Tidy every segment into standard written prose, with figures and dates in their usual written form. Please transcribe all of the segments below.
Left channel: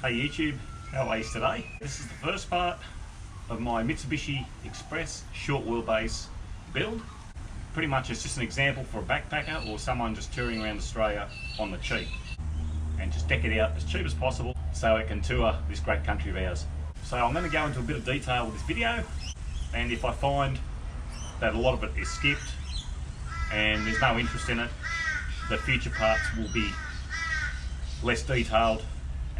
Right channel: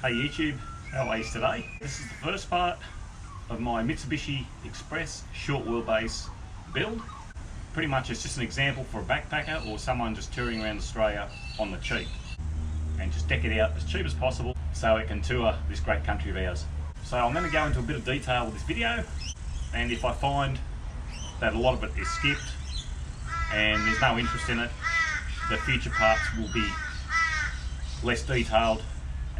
Hey YouTube, how are you today? This is the first part of my Mitsubishi Express short wheelbase build. Pretty much it's just an example for a backpacker or someone just touring around Australia on the cheap. And just deck it out as cheap as possible so it can tour this great country of ours. So I'm going to go into a bit of detail with this video, and if I find that a lot of it is skipped and there's no interest in it, the future parts will be less detailed,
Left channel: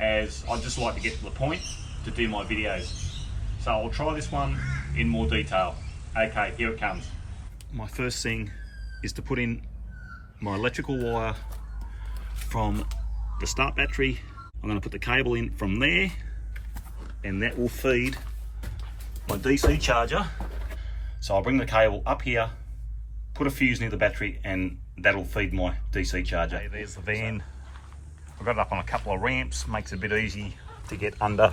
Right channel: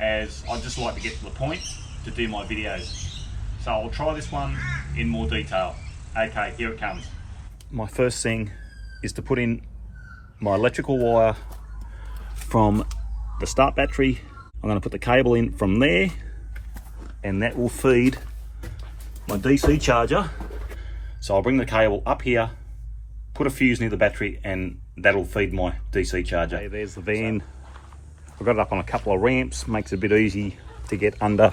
as I just like to get to the point to do my videos. So I'll try this one in more detail. Okay, here it comes. My first thing is to put in my electrical wire from the start battery. I'm going to put the cable in from there, and that will feed my DC charger. So I'll bring the cable up here, put a fuse near the battery, and that'll feed my DC charger. Okay, there's the van. I've got it up on a couple of ramps, makes it a bit easy to get under,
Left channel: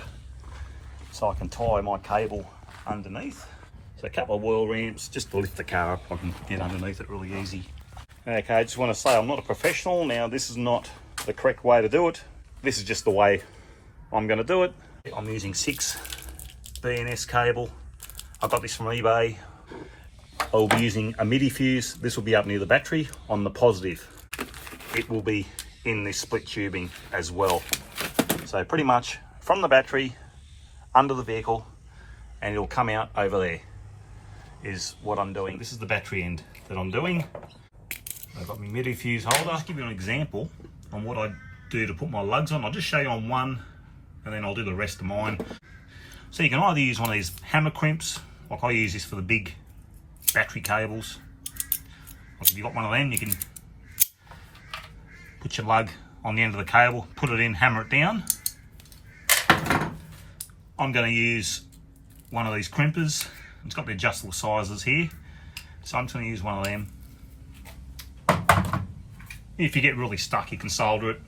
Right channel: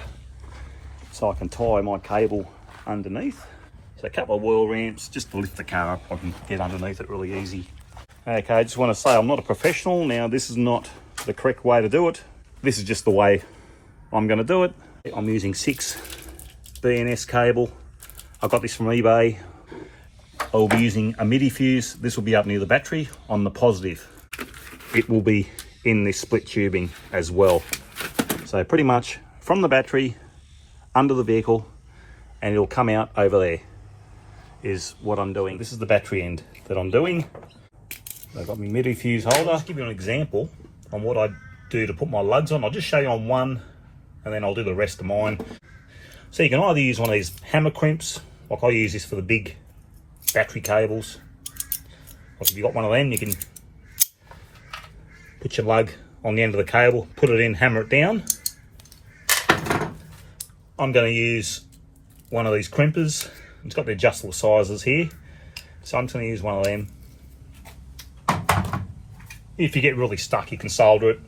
so I can tie my cable underneath. So a couple of wheel ramps just to lift the car up. I can get underneath it really easy. Okay, I just want to say I'm not a professional. Now, this is not the correct way to do it. This is just the way I'm going to do it. I'm using 6 BNS cable. I got this from eBay. I'll be using a MIDI fuse. This will be up near the battery on the positive. It will be in this split tubing as well. So pretty much from the battery under the vehicle, and it'll come out over there is what I'm doing. This is the battery end that I'm doing. I've got my MIDI fuse holder. I'll give you an example on what I do to put my lugs on. I'll just show you on one, and then I'll do the rest of mine. So you can either use one of these hammer crimps, like I use this for the big battery cables. Like if you've got one of them, you can put your lug on the end of the cable, put it in, hammer it down. I'm going to use one of these crimpers. It's got the adjustable sizes here, so I'm just going to use one of them. If you get really stuck, you can solder it.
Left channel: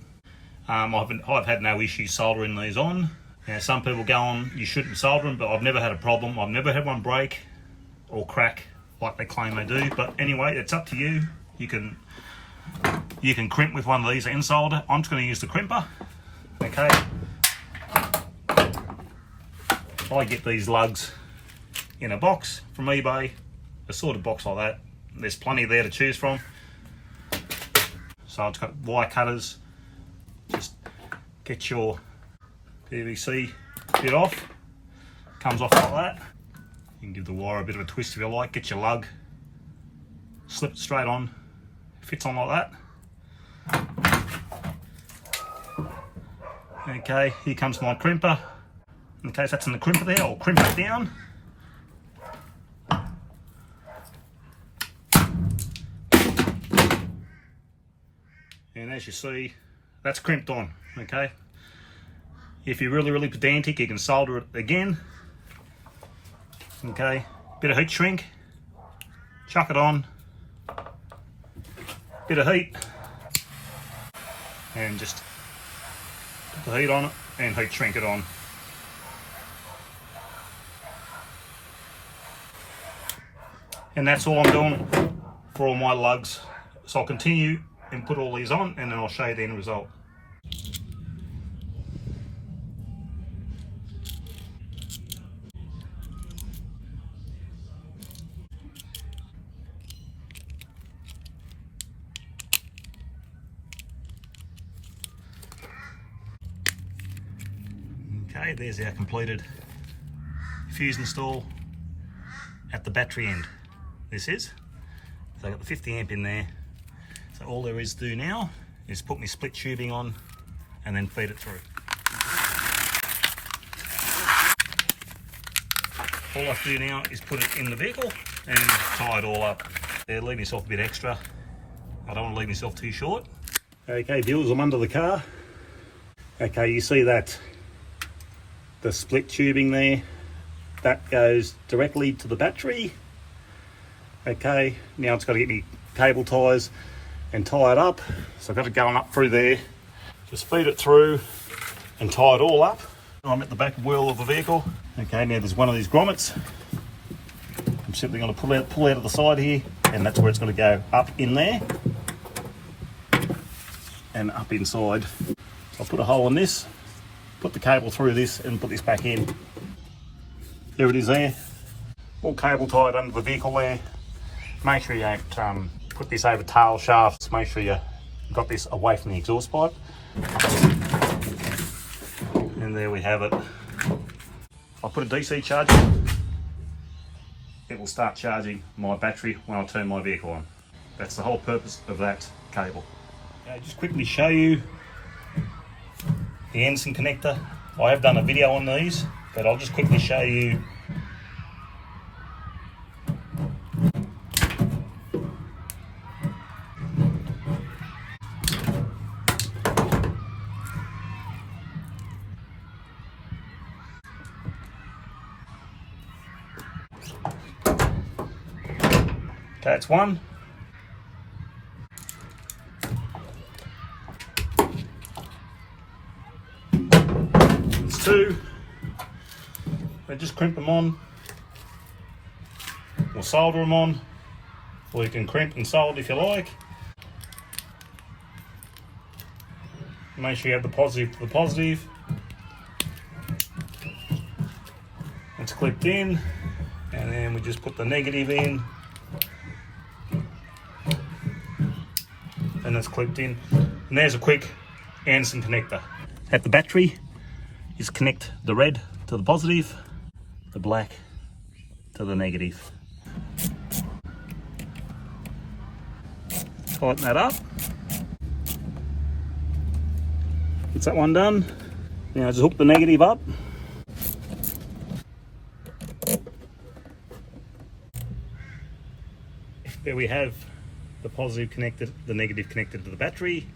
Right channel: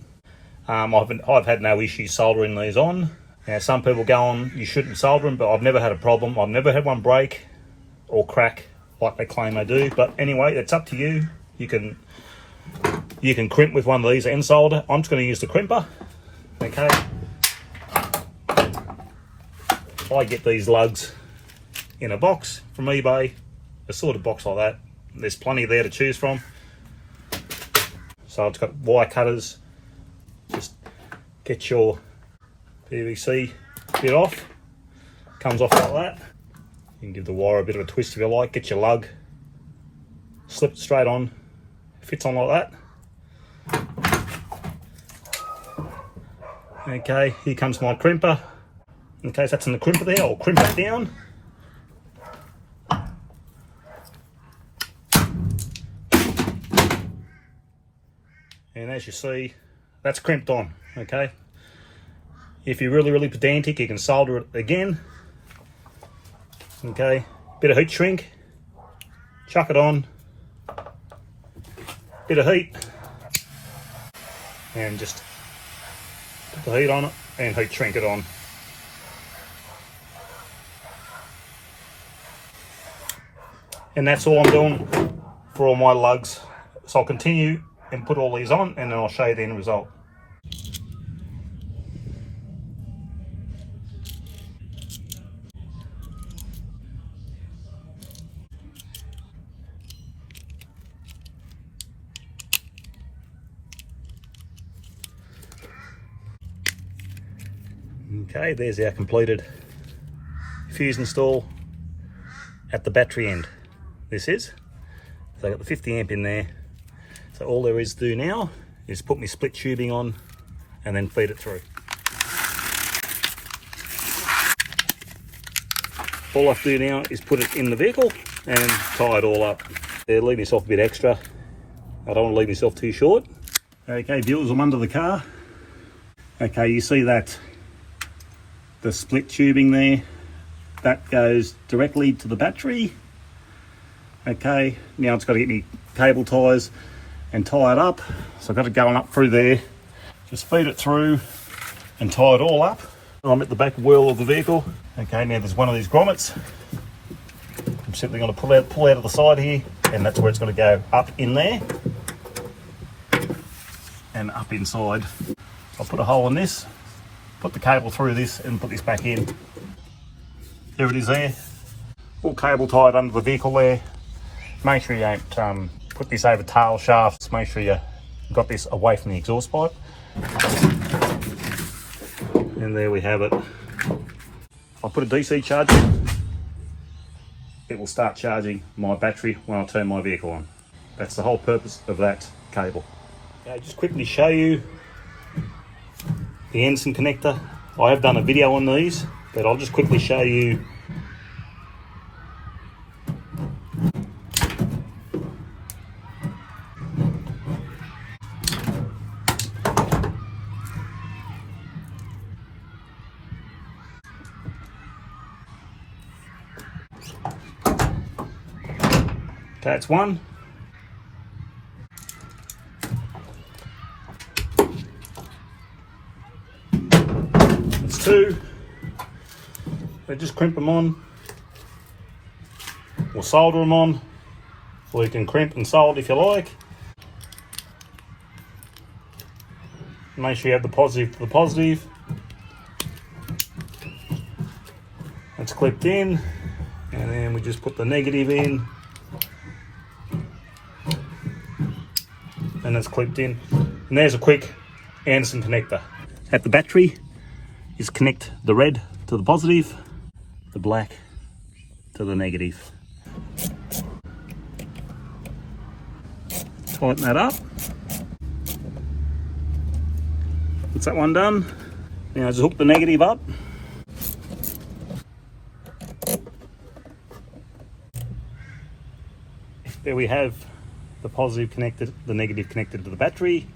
I've had no issues soldering these on. Now, some people go on, you shouldn't solder them, but I've never had a problem. I've never had one break or crack like they claim they do. But anyway, it's up to you. You can crimp with one of these and solder. I'm just going to use the crimper. Okay. I get these lugs in a box from eBay, a sort of box like that. There's plenty there to choose from. So I've got wire cutters. Just get your PVC bit off. Comes off like that. You can give the wire a bit of a twist if you like. Get your lug, slip it straight on. Fits on like that. Okay, here comes my crimper. Okay, so that's in the crimper there. I'll crimp it down. And as you see, that's crimped on. Okay. If you're really pedantic, you can solder it again. Okay, bit of heat shrink. Chuck it on. Bit of heat, and just put the heat on it and heat shrink it on. And that's all I'm doing for all my lugs. So I'll continue and put all these on, and then I'll show you the end result. Okay, there's our completed fuse install at the battery end. This is. So I've got the 50 amp in there. So all there is to do now is put my split tubing on and then feed it through. All I have to do now is put it in the vehicle and tie it all up. There, leave myself a bit extra. I don't want to leave myself too short. Okay, viewers, I'm under the car. Okay, you see that the split tubing there, that goes directly to the battery. Okay, now it's got to get me cable ties and tie it up. So I've got it going up through there. Just feed it through and tie it all up. I'm at the back wheel of the vehicle. Okay, now there's one of these grommets. I'm simply going to pull out of the side here, and that's where it's going to go up in there and up inside. I'll put a hole in this put the cable through this and put this back in. There it is there. All cable tied under the vehicle there. Make sure you don't put this over tail shafts. Make sure you got this away from the exhaust pipe. And there we have it. If I put a DC charger in, it will start charging my battery when I turn my vehicle on. That's the whole purpose of that cable. Okay, just quickly show you the Anson connector. I have done a video on these, but I'll just quickly show you. Okay, that's one. That's two. So just crimp them on, or solder them on, or you can crimp and solder if you like. Make sure you have the positive for the positive. It's clipped in, and then we just put the negative in. And it's clipped in. And there's a quick Anson connector. At the battery is connect the red to the positive, the black to the negative. Tighten that up. That's that one done. Now just hook the negative up. There we have the positive connected, the negative connected to the battery,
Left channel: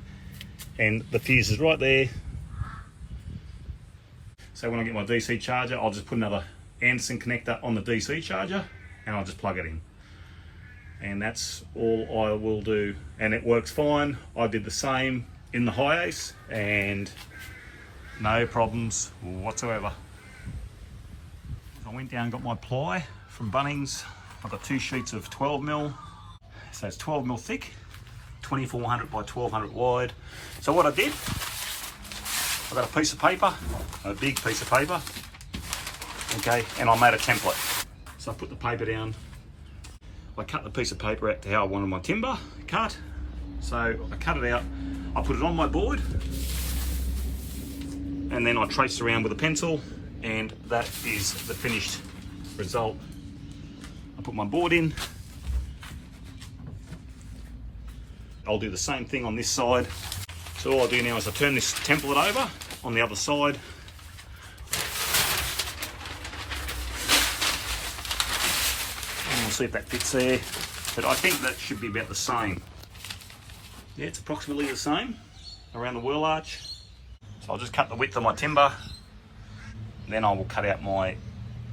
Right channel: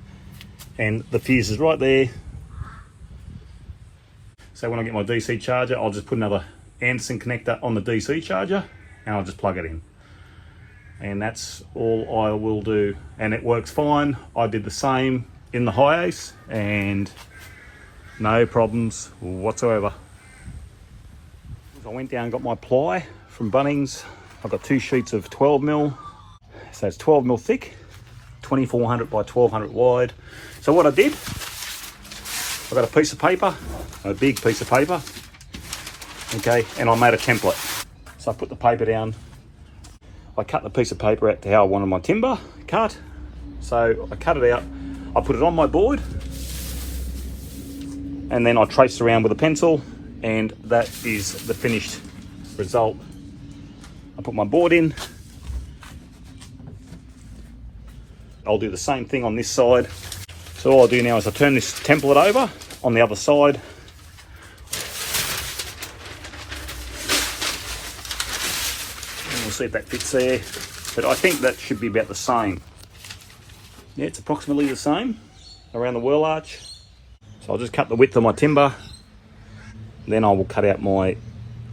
and the fuse is right there. So when I get my DC charger, I'll just put another Anson connector on the DC charger and I'll just plug it in. And that's all I will do, and it works fine. I did the same in the Hi-Ace and no problems whatsoever. I went down and got my ply from Bunnings. I've got 2 sheets of 12mm. So it's 12mm thick, 2400 by 1200 wide. So what I did, I got a piece of paper, a big piece of paper, okay, and I made a template. So I put the paper down, I cut the piece of paper out to how I wanted my timber cut. So I cut it out, I put it on my board, and then I traced around with a pencil, and that is the finished result. I put my board in. I'll do the same thing on this side. So all I'll do now is I turn this template over on the other side. And we'll see if that fits there. But I think that should be about the same. Yeah, it's approximately the same around the whirl arch. So I'll just cut the width of my timber. Then I will cut out my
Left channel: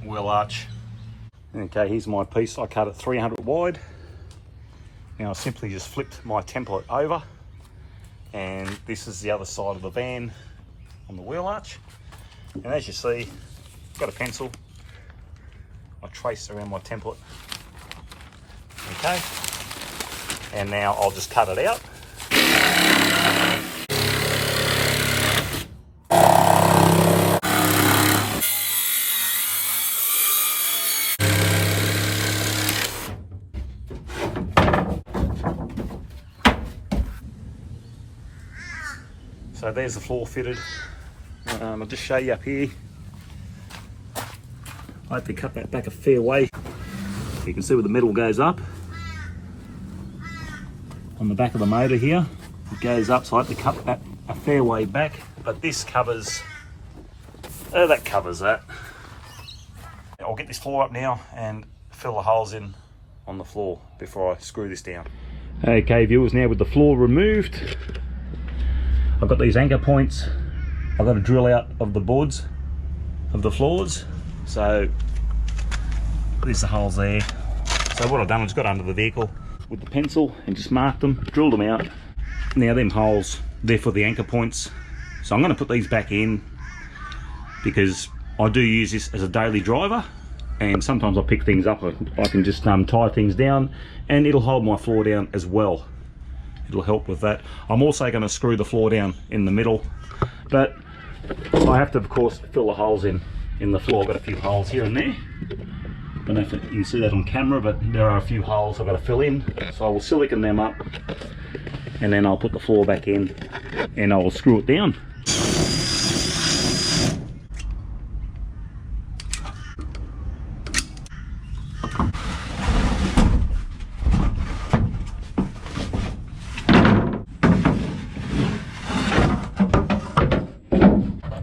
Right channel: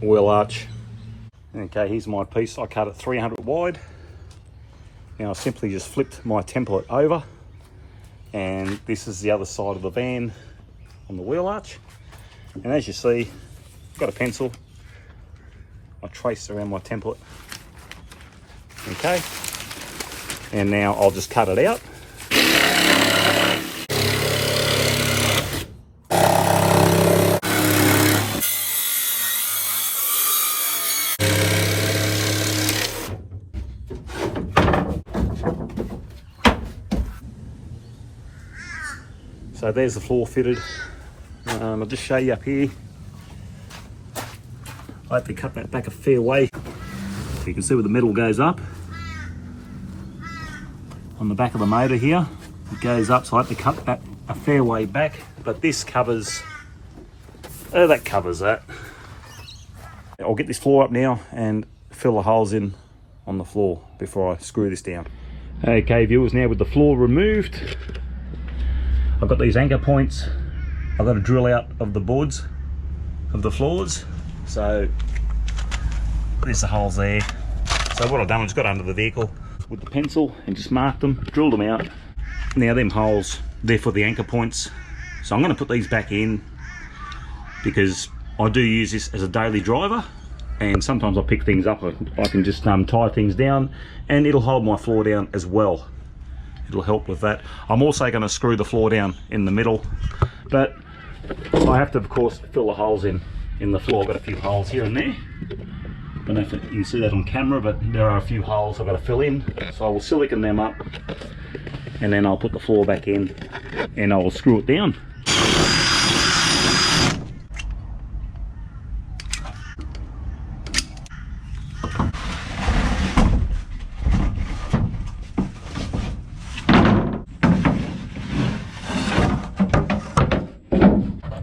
whirl arch. Okay, here's my piece. I cut it 300 wide. Now I simply just flipped my template over, and this is the other side of the van on the wheel arch. And as you see, I've got a pencil. I traced around my template. Okay. And now I'll just cut it out. So there's the floor fitted. I'll just show you up here. I have to cut that back a fair way. You can see where the metal goes up. On the back of the motor here, it goes up, so I have to cut that a fair way back. But this covers, that covers that. I'll get this floor up now and fill the holes in on the floor before I screw this down. Okay viewers, now with the floor removed, I've got these anchor points. I've got to drill out of the boards of the floors. So there's the holes there. So what I've done, I just got under the vehicle with the pencil and just marked them, drilled them out. Now them holes, they're for the anchor points. So I'm going to put these back in because I do use this as a daily driver, and sometimes I pick things up. I can just tie things down, and it'll hold my floor down as well. It'll help with that. I'm also going to screw the floor down in the middle, but So I have to, of course, fill the holes in the floor. I've got a few holes here and there. Don't know if you can see that on camera, but there are a few holes I've got to fill in. So I will silicone them up, and then I'll put the floor back in and I will screw it down.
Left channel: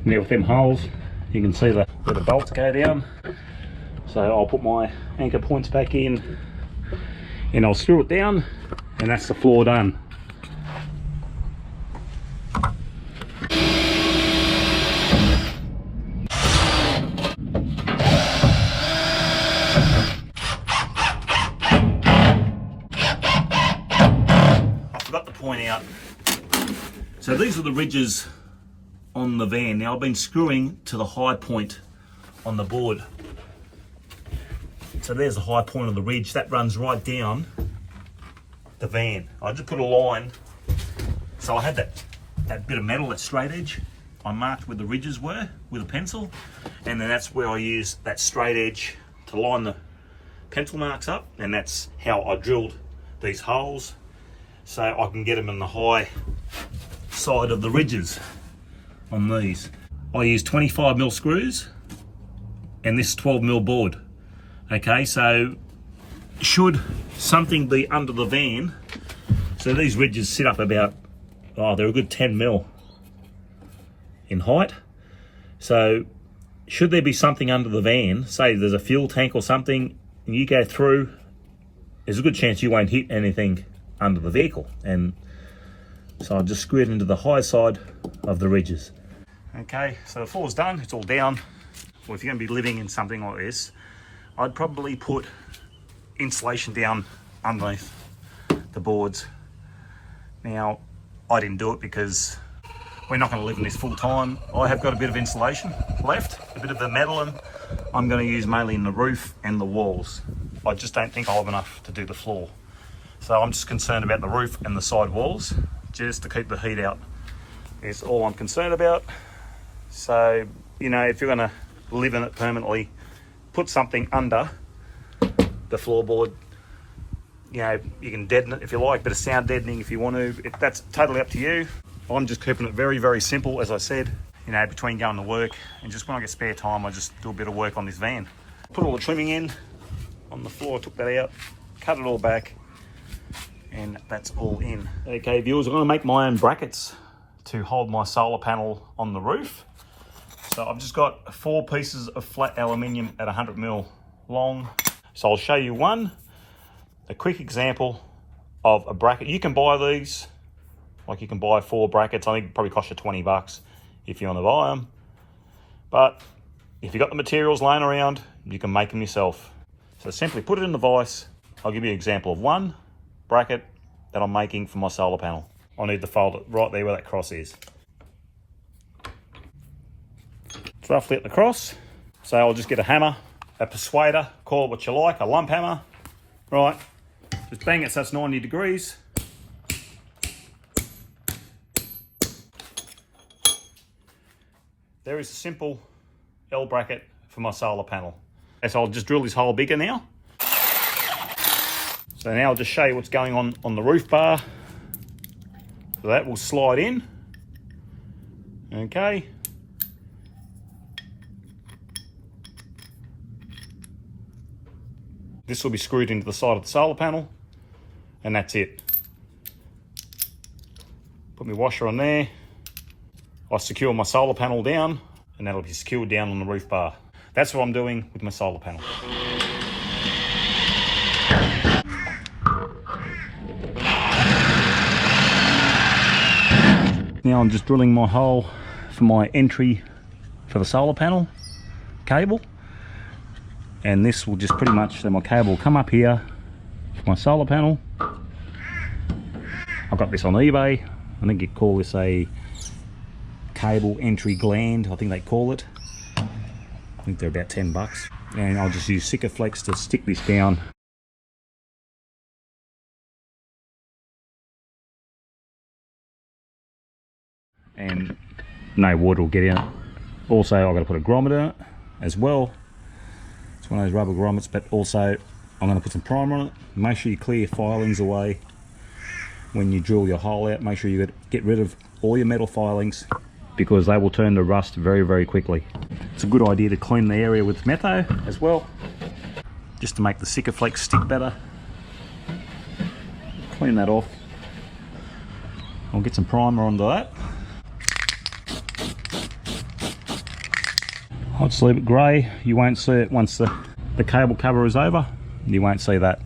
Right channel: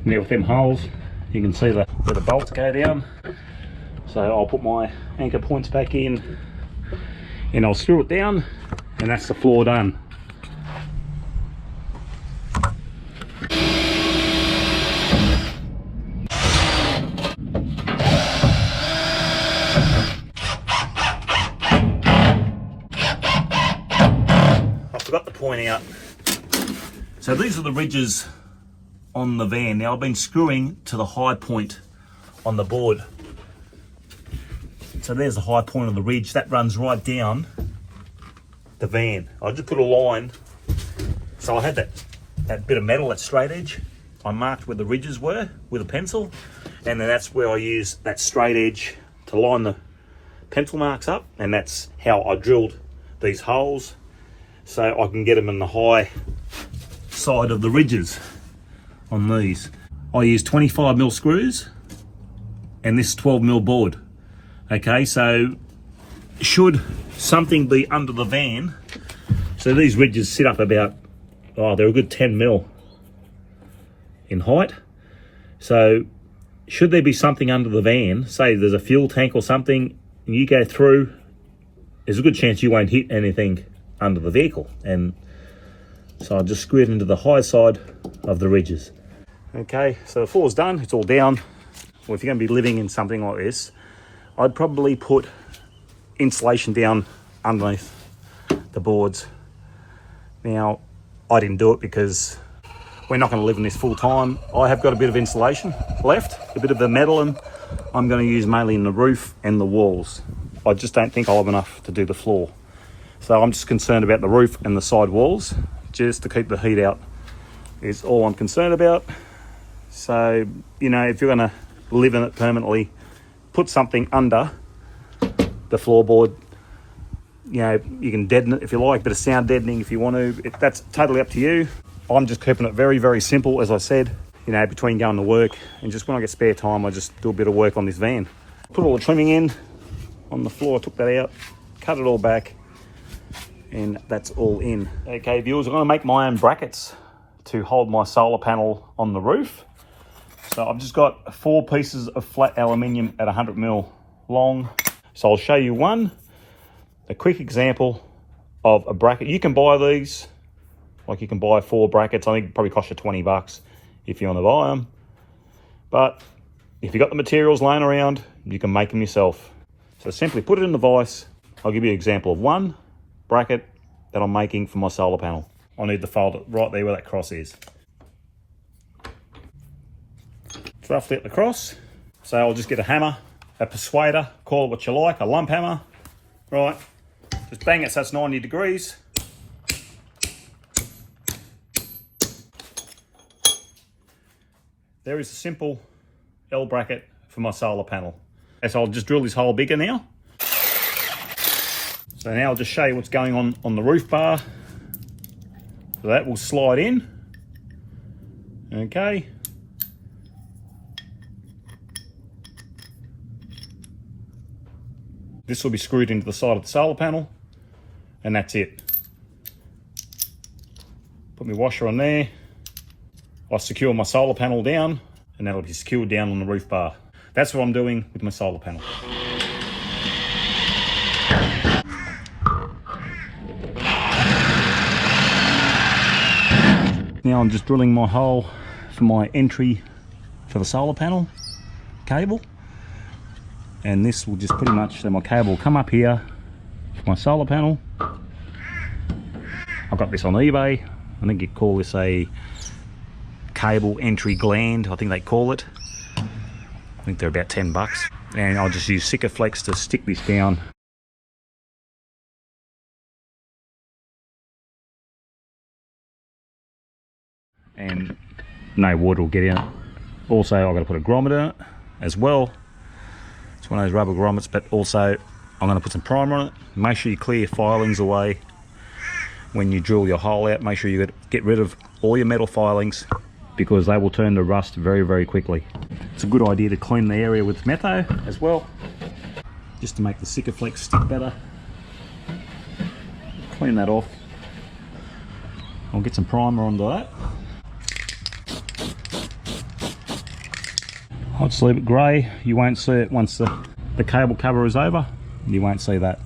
Now with them holes, you can see where the bolts go down. So I'll put my anchor points back in and I'll screw it down, and that's the floor done. I forgot to point out, so these are the ridges on the van. Now I've been screwing to the high point on the board. So there's the high point of the ridge. That runs right down the van. I just put a line. So I had that bit of metal, that straight edge. I marked where the ridges were with a pencil. And then that's where I use that straight edge to line the pencil marks up. And that's how I drilled these holes, so I can get them in the high side of the ridges on these. I use 25mm screws and this 12mm board. Okay, so should something be under the van, so these ridges sit up about, they're a good 10mm in height. So should there be something under the van, say there's a fuel tank or something, and you go through, there's a good chance you won't hit anything under the vehicle. And so I just screw it into the high side of the ridges. Okay, so the floor's done, it's all down. Well, if you're going to be living in something like this, I'd probably put insulation down underneath the boards. Now, I didn't do it because we're not going to live in this full time. I have got a bit of insulation left, a bit of the metal, and I'm going to use mainly in the roof and the walls. I just don't think I'll have enough to do the floor. So I'm just concerned about the roof and the side walls, just to keep the heat out is all I'm concerned about. So, you know, if you're going to live in it permanently, put something under the floorboard. You know, you can deaden it if you like, bit of sound deadening if you want to. That's totally up to you. I'm just keeping it very, very simple, as I said. You know, between going to work and just when I get spare time, I just do a bit of work on this van. Put all the trimming in on the floor, took that out, cut it all back, and that's all in. Okay, viewers, I'm going to make my own brackets to hold my solar panel on the roof. So I've just got 4 pieces of flat aluminium at 100mm long. So I'll show you a quick example of a bracket. You can buy these, like you can buy 4 brackets. I think it probably costs you 20 bucks if you want to buy them. But if you've got the materials laying around, you can make them yourself. So simply put it in the vise. I'll give you an example of one bracket that I'm making for my solar panel. I need to fold it right there where that cross is. It's roughly at the cross. So I'll just get a hammer, a persuader, call it what you like, a lump hammer. Right, just bang it so it's 90 degrees. There is a simple L bracket for my solar panel. So I'll just drill this hole bigger now. So now I'll just show you what's going on the roof bar. So that will slide in. Okay. This will be screwed into the side of the solar panel, and that's it. Put my washer on there. I secure my solar panel down, and that'll be secured down on the roof bar. That's what I'm doing with my solar panel. Now I'm just drilling my hole for my entry for the solar panel cable. And this will just pretty much, so my cable will come up here for my solar panel. I've got this on eBay. I think you call this a cable entry gland, I think they call it. I think they're about 10 bucks. And I'll just use Sikaflex to stick this down. And no water will get in it. Also, I've got to put a grommet in it as well. It's one of those rubber grommets, but also I'm going to put some primer on it. Make sure you clear your filings away when you drill your hole out. Make sure you get rid of all your metal filings, because they will turn to rust very, very quickly. It's a good idea to clean the area with metho as well, just to make the Sikaflex stick better. Clean that off. I'll get some primer onto that. I'll just leave it grey. You won't see it once the cable cover is over. You won't see that.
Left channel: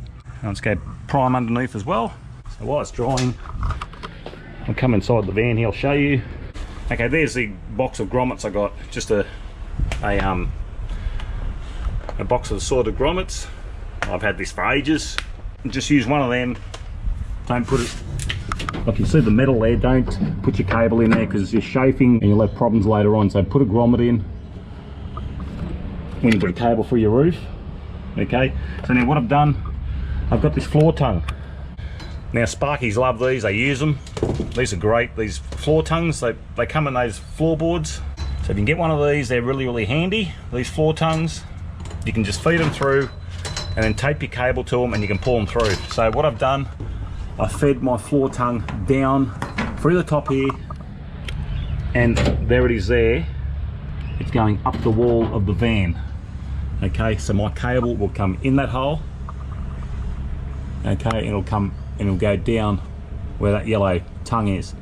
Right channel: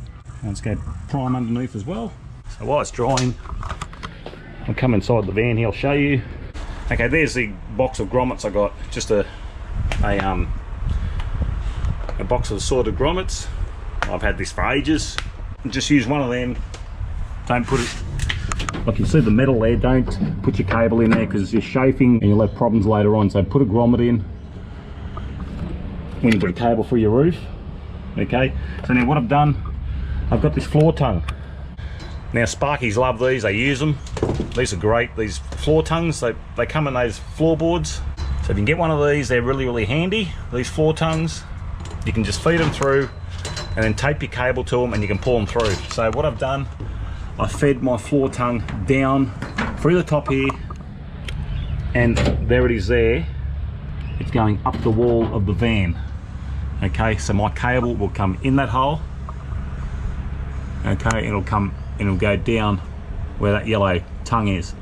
I'll just go prime underneath as well. So while it's drying, I'll come inside the van here, I'll show you. Okay, there's the box of grommets I got. Just a box of assorted grommets. I've had this for ages. Just use one of them. Don't put it, like you see the metal there, don't put your cable in there because you're chafing and you'll have problems later on. So put a grommet in when you put a cable through your roof. Okay, so now what I've done, I've got this floor tongue. Now Sparkies love these, they use them. These are great, these floor tongues, they come in those floorboards. So if you can get one of these, they're really, really handy. These floor tongues, you can just feed them through and then tape your cable to them and you can pull them through. So what I've done, I fed my floor tongue down through the top here, and there it is there. It's going up the wall of the van. Okay, so my cable will come in that hole. Okay, it'll come and it'll go down where that yellow tongue is.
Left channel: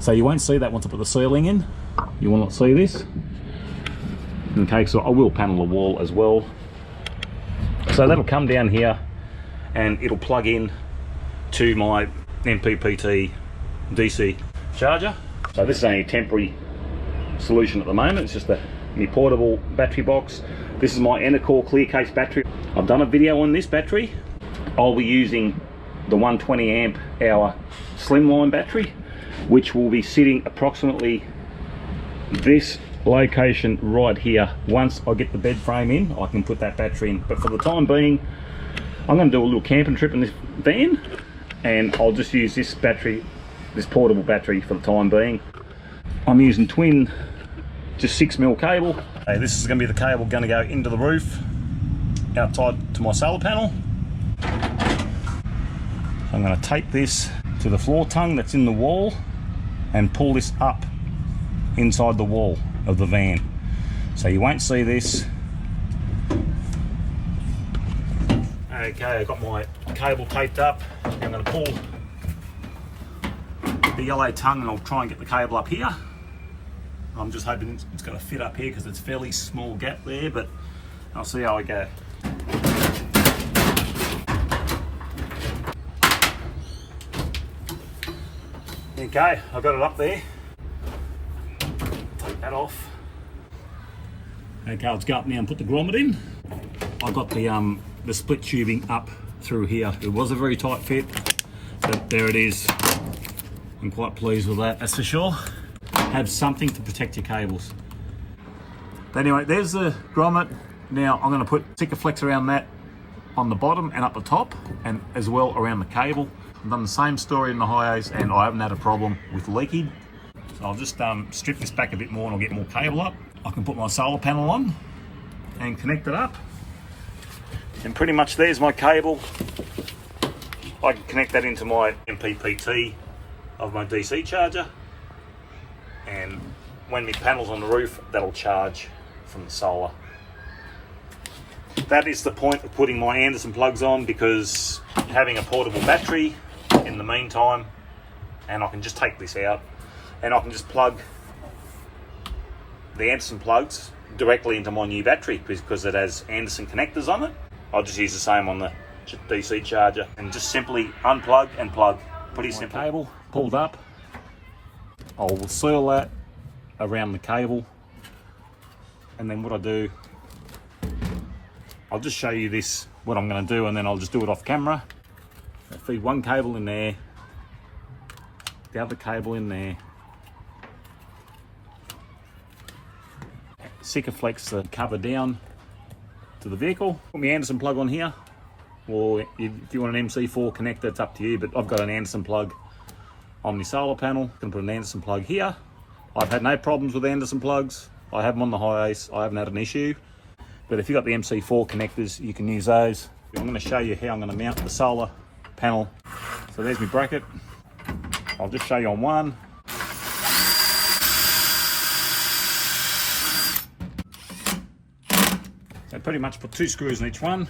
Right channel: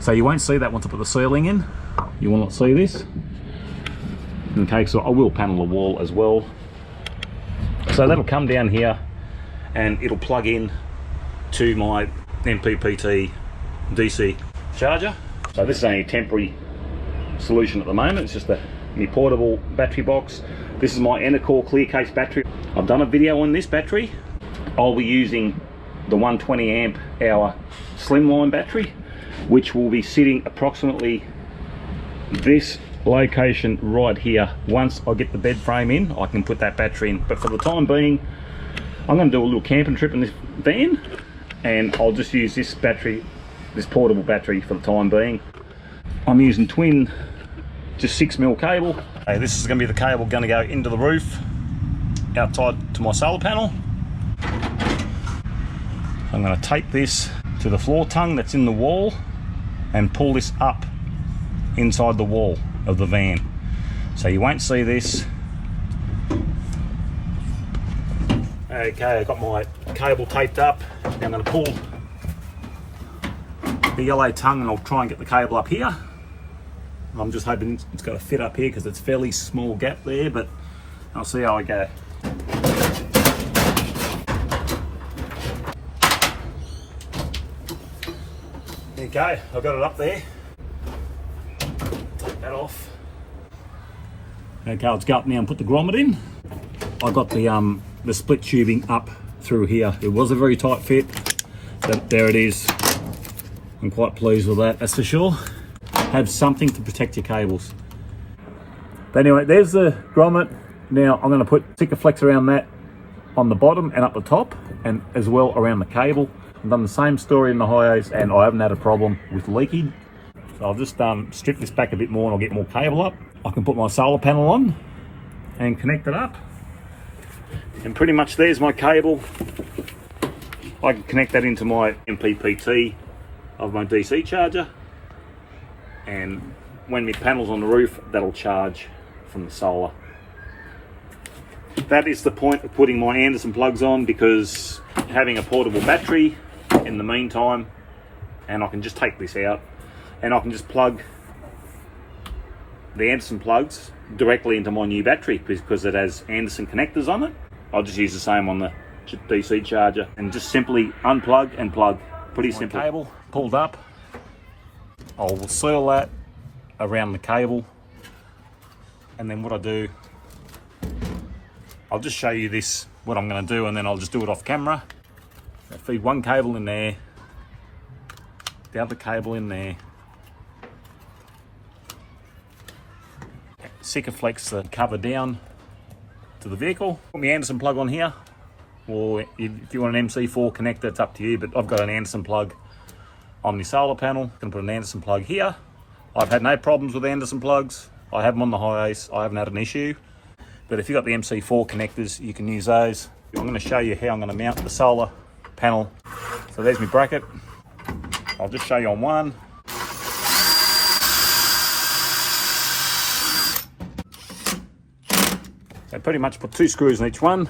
So you won't see that once I put the ceiling in. You will not see this. Okay, so I will panel the wall as well. So that'll come down here and it'll plug in to my MPPT DC charger. So this is only a temporary solution at the moment. It's just my portable battery box. This is my Enercore clear case battery. I've done a video on this battery. I'll be using the 120 amp hour slimline battery, which will be sitting approximately this location right here. Once I get the bed frame in, I can put that battery in, but for the time being I'm going to do a little camping trip in this van and I'll just use this battery, this portable battery, for the time being. I'm using twin, just 6mm cable. Okay, this is going to be the cable going to go into the roof outside to my solar panel. I'm going to tape this to the floor tongue that's in the wall and pull this up inside the wall of the van. So you won't see this. Okay, I've got my cable taped up. Now I'm going to pull the yellow tongue and I'll try and get the cable up here. I'm just hoping it's got to fit up here because it's a fairly small gap there, but I'll see how I go. Okay, I've got it up there. Take that off. Okay, let's go up now and put the grommet in. I got the split tubing up through here. It was a very tight fit, but there it is. I'm quite pleased with that, that's for sure. Have something to protect your cables. But anyway, there's the grommet. Now I'm going to put Sikaflex around that on the bottom and up the top, and as well around the cable. I've done the same story in the Hyos and I haven't had a problem with leaking. So I'll just strip this back a bit more and I'll get more cable up. I can put my solar panel on and connect it up. And pretty much there's my cable. I can connect that into my MPPT of my DC charger. And when the panel's on the roof, that'll charge from the solar. That is the point of putting my Anderson plugs on, because having a portable battery in the meantime, and I can just take this out and I can just plug the Anderson plugs directly into my new battery because it has Anson connectors on it. I'll just use the same on the DC charger and just simply unplug and plug. Pretty simple. Cable pulled up. I'll seal that around the cable, and then what I do, I'll just show you this, what I'm going to do, and then I'll just do it off camera. I'll feed one cable in there, the other cable in there, Sikaflex the cover down to the vehicle. Put my Anderson plug on here, or if you want an MC4 connector, it's up to you, but I've got an Anderson plug on my solar panel. I'm going to put an Anderson plug here, I've had no problems with the Anderson plugs. I have them on the Hi-Ace, I haven't had an issue. But if you've got the MC4 connectors, you can use those. I'm going to show you how I'm going to mount the solar panel. So there's my bracket. I'll just show you on one. So pretty much put 2 screws in each one.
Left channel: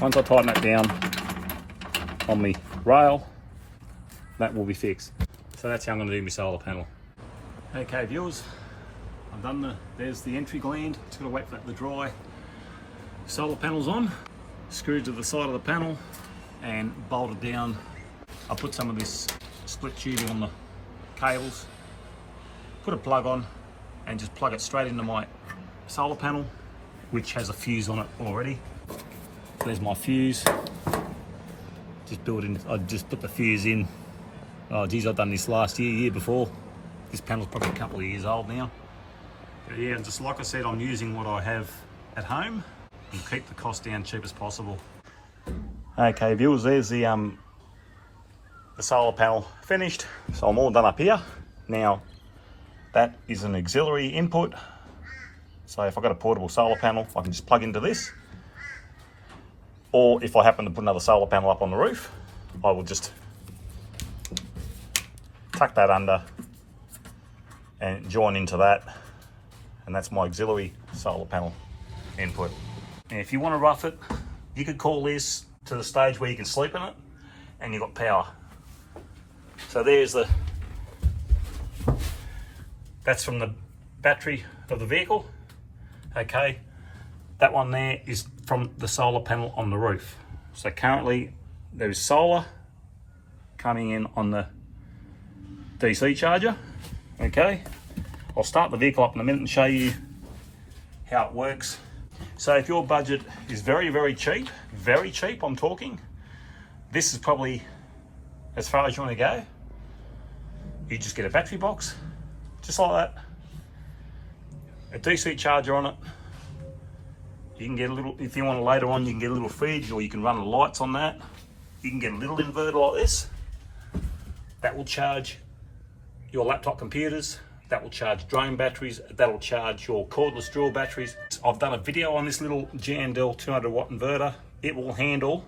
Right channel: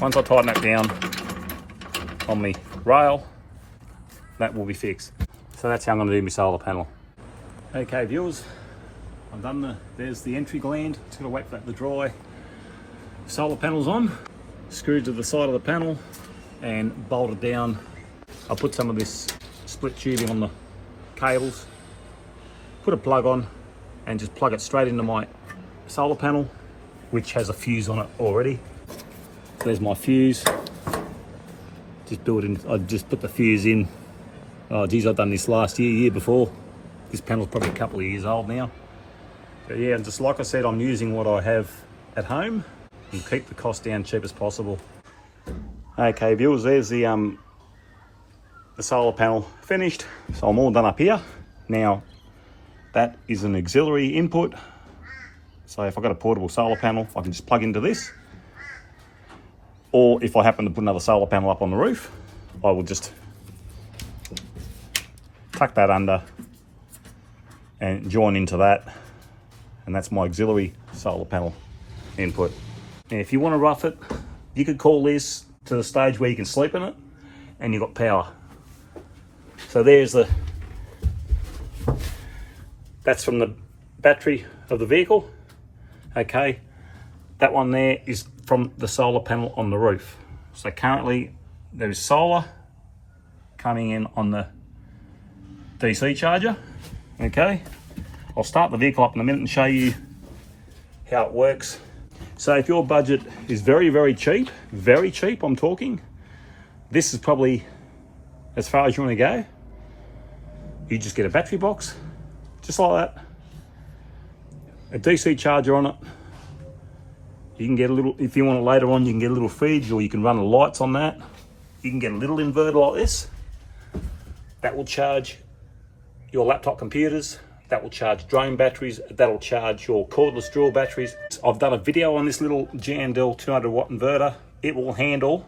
Once I tighten it down on the rail, that will be fixed. So that's how I'm going to do my solar panel. Okay viewers, I've done there's the entry gland. Just going to wet the dry solar panels on. Screwed to the side of the panel and bolted down. I put some of this split tubing on the cables, put a plug on and just plug it straight into my solar panel, which has a fuse on it already. There's my fuse. Just built in, I just put the fuse in. Oh geez, I've done this last year before. This panel's probably a couple of years old now. But yeah, and just like I said, I'm using what I have at home and keep the cost down cheap as possible. Okay viewers, there's the solar panel finished. So I'm all done up here. Now that is an auxiliary input. So if I've got a portable solar panel, I can just plug into this. Or if I happen to put another solar panel up on the roof, I will just tuck that under and join into that. And that's my auxiliary solar panel input. And if you want to rough it, you could call this to the stage where you can sleep in it and you've got power. So there's that's from the battery of the vehicle. Okay, that one there is from the solar panel on the roof. So currently there is solar coming in on the DC charger. Okay, I'll start the vehicle up in a minute and show you how it works. So if your budget is very cheap I'm talking, this is probably as far as you want to go. You just get a battery box, just like that, a DC charger on it. You can get a little, if you want it later on, you can get a little fridge, or you can run the lights on that. You can get a little inverter like this. That will charge your laptop computers. That will charge drone batteries. That'll charge your cordless drill batteries. I've done a video on this little Gland 200 watt inverter. It will handle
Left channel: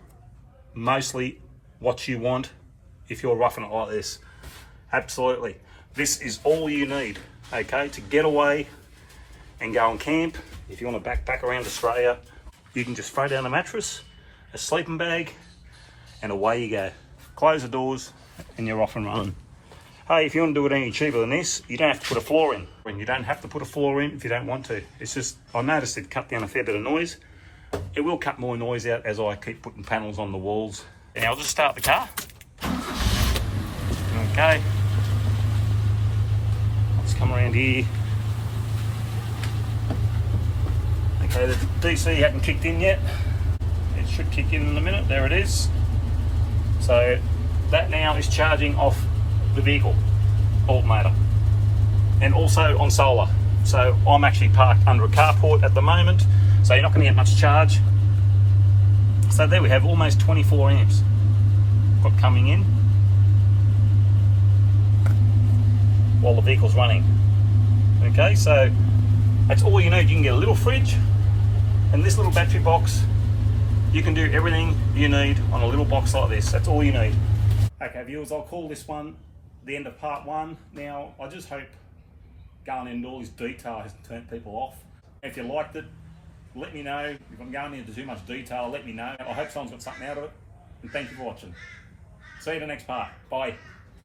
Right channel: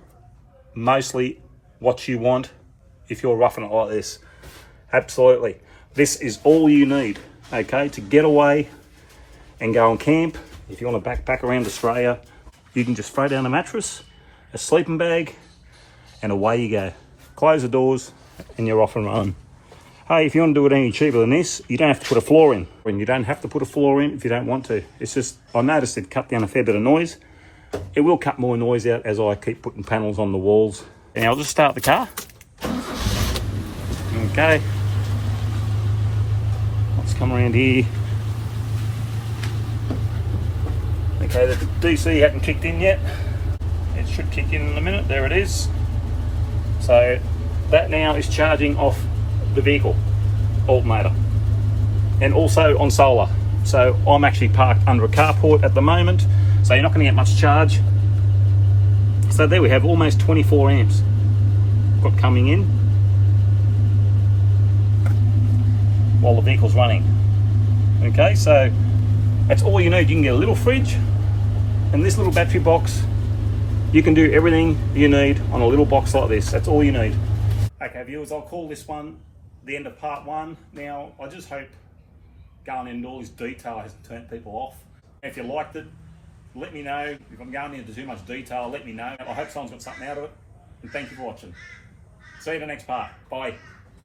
mostly what you want if you're roughing it like this. Absolutely. This is all you need, okay, to get away and go on camp. If you want to backpack around Australia, you can just throw down a mattress, a sleeping bag, and away you go. Close the doors and you're off and running. Hey, if you want to do it any cheaper than this, you don't have to put a floor in. And you don't have to put a floor in if you don't want to. It's just, I noticed it cut down a fair bit of noise. It will cut more noise out as I keep putting panels on the walls. And I'll just start the car. Okay. Let's come around here. Okay, the DC hasn't kicked in yet. It should kick in a minute. There it is. So that now is charging off the vehicle alternator and also on solar. So I'm actually parked under a carport at the moment, so you're not going to get much charge. So there we have almost 24 amps got coming in while the vehicle's running. Okay, so that's all you need. You can get a little fridge and this little battery box. You can do everything you need on a little box like this. That's all you need. Okay viewers, I'll call this one the end of part one. Now, I just hope going into all this detail hasn't turned people off. If you liked it, let me know. If I'm going into too much detail, let me know. I hope someone's got something out of it. And thank you for watching. See you in the next part. Bye.